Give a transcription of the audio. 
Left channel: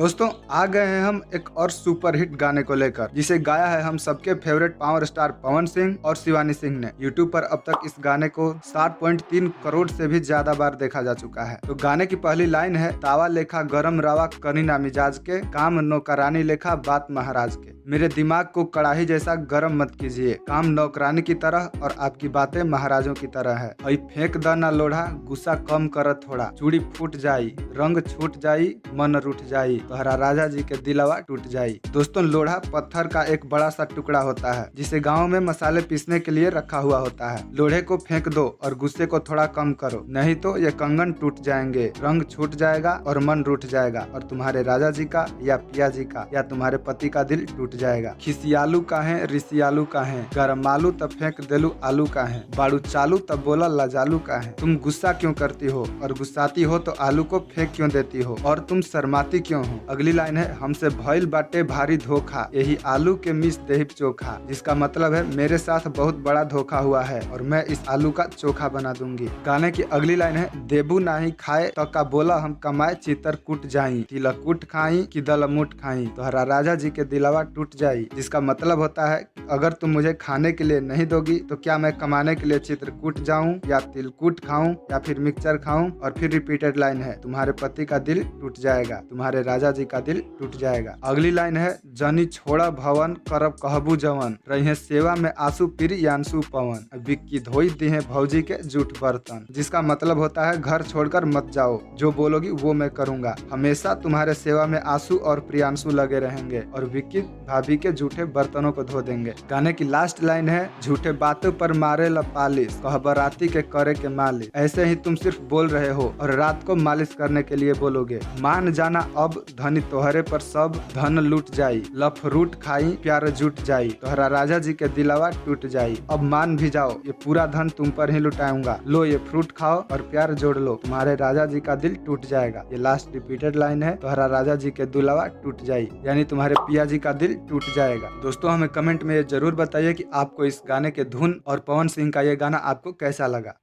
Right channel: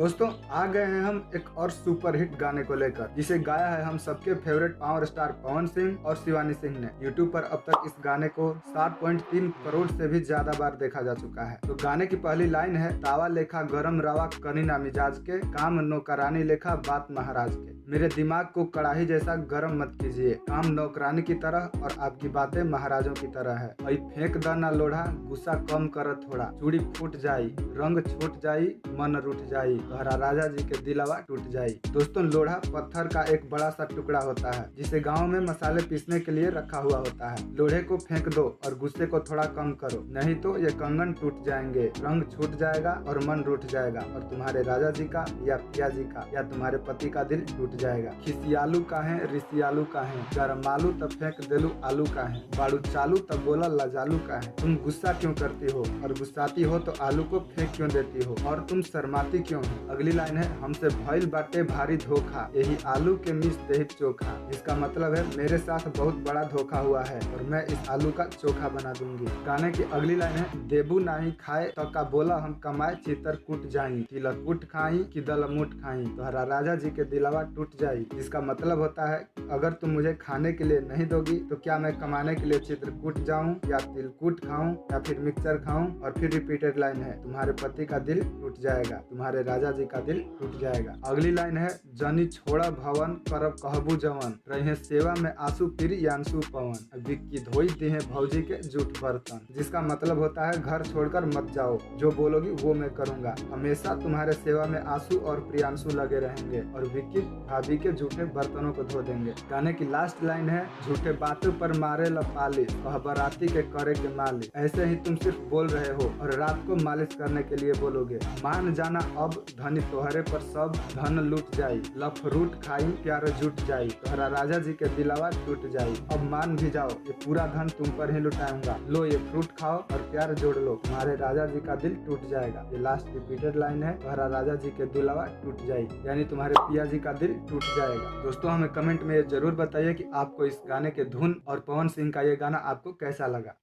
दोस्तों आ गए हैं हम एक और सुपर हिट गाने को लेकर, जिसे गाया है हम सबके favourite power star Pawan Singh और शिवानी सिंह ने। यूट्यूब पर अब तक इस गाने को 7.3 करोड़ से भी ज्यादा बार देखा जा चुका है। तो गाने की पहली लाइन है, तावा लेखा गरम रवा करीना मिजाज के, काम नौकरानी लेखा बात महाराज के। मेरे दिमाग को कड़ाही जैसा गरम मत कीजिए, काम नौकरानी की तरह और आपकी बातें महाराजों की तरह है। अई फेंक द ना लोढ़ा, गुस्सा कम कर थोड़ा, चूड़ी फूट जाई, रंग छूट जाई, मन रूठ जाई, तोहरा राजा जी के दिलवा टूट जाई। दोस्तों, लोढ़ा पत्थर का एक बड़ा सा टुकड़ा होता है, जिसे गाँव में मसाले पीसने के लिए रखा हुआ होता है। लोढ़े को फेंक दो और गुस्से को थोड़ा कम करो, नहीं तो ये कंगन टूट जाएंगे, रंग छूट जाएगा और मन रूठ जाएगा, और तुम्हारे राजा जी का या पिया जी का या तुम्हारे पति का दिल टूट जाएगा। खिसियालू का है, रिसियालू का है, गरम आलू तब फेंक देलू आलू का है, बाड़ू चालू तब बोला लजालू का है। तुम गुस्सा क्यों करती हो, और गुस्साती हो तो आलू को फेंक क्यों देती हो, और तुम शर्माती क्यों हो। अगली लाइन है, हमसे भइल बाटे भारी धोखा, यही आलू के मिस देहिब चोखा, जिसका मतलब है मेरे साथ बहुत बड़ा धोखा हुआ है और मैं इस आलू का चोखा बना दूंगी। गाने की अगली लाइन है, देबू नाही खाए तो का बोला हम कमाए, चितर कुट जाई, तिलक कुट खाई कि दलमुट खाई, तोहरा राजा जी के दिलवा टूट जाई, जिसका मतलब होता है अगर तुम मुझे खाने के लिए नहीं दोगी तो क्या मैं कमाने के लिए चित्रकूट जाऊं या तिलकुट खाऊं या फिर मिक्सचर खाऊं। और फिर रिपीटेड लाइन है, तुम्हारे पति का दिल टूट जाएगा, तुम्हारे राजा जी का दिल टूट जाएगा। अगली लाइन है, जनी छोड़ा भवन करब कहबू जवन, रहे सेवा में आंसू फिर यांसू पवन, बिक्की धोई दी है भौजी के जूठ बर्तन, जिसका मतलब होता है घर छोड़कर मत जाओ, जो बोलोगी वो मैं करूंगा, हमेशा तुम्हारे सेवा में आंसू और प्रियांशु लगे रहेंगे और विक्की भाभी के झूठे बर्तनों को धो देंगे। गाने की लास्ट लाइन है, झूठे बातों पर मारे ला पालिश, कह बराती के करे के मालिश, ऐसे ही तुम सिर्फ बोल रहे हो और रात को मालिश करने के लिए बोलोगे। मान जाना अब धनी तोहरे पर सब धन लूट जाई, लफरूट खाई प्यार जुट जाई, तोहरा राजा जी के दिलावा टूट जाई। अब मान भी जाओ, ये पूरा धन तुम पर ही लुटाऊंगा, लो ये फ्रूट खाओ और प्यार जोड़ लो, तुम्हारे राजा जी का दिल टूट जाएगा। ये लास्ट रिपीटेड लाइन है, तोहरा राजा जी के दिलावा टूट जाई, यानी तुम्हारे पिया जी का दिल टूट जाएगा। दोस्तों, हमें कमेंट में जरूर बताइए कि आपको इस गाने के धुन और पवन सिंह का ये गाना आपको कैसा लगा।